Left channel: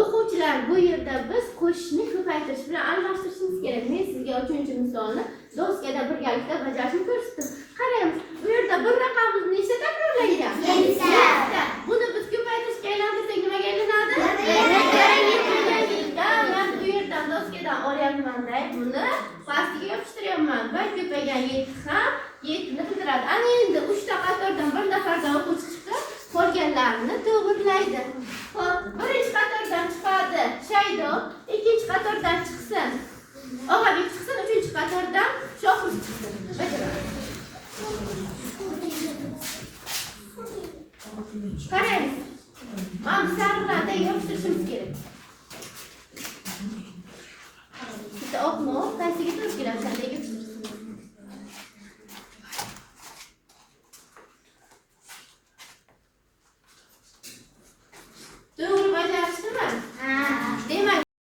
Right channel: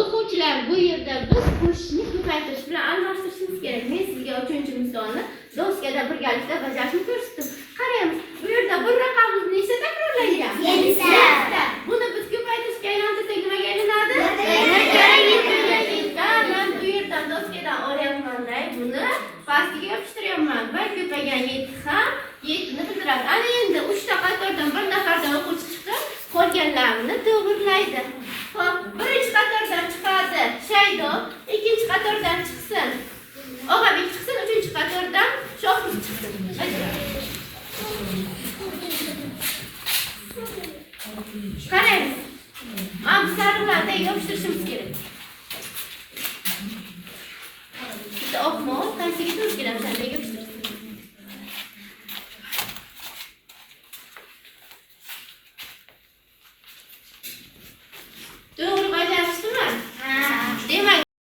O'quvchilar, bu yerda biz qo'shishni ko'paytirish bilan almashtirishimiz kerak. Men sizga 3-misolni doskada birgalikda bajarishni ko'rsatdim. Qaraymiz, bu yerda bir raqamimiz nechta takrorlangan? 7 ta. Buni biz ko'paytirishga aylantirsak nimaga aylanadi? Men bu yerdan doskadan olyapman-da, buni pastiga yopishtiryapman. Bir ko'paygan 7 ham 7 ni bildiradi. Ana endi 3 ta qatordan bir nafardan o'quvchi chiqib, qolganlarini to'g'rilaydi. Xo'p, birinchi qatordan chiqadi Shaydo, ikkinchi qatordan chiqsin Og'abek chiqsin, uchinchi qatordan Shohruh chiqsin. Qaraymiz. Mana bu sariqlarni yopishtirishimiz kerak. Bitta oqmoq, qaysiga turib kerak?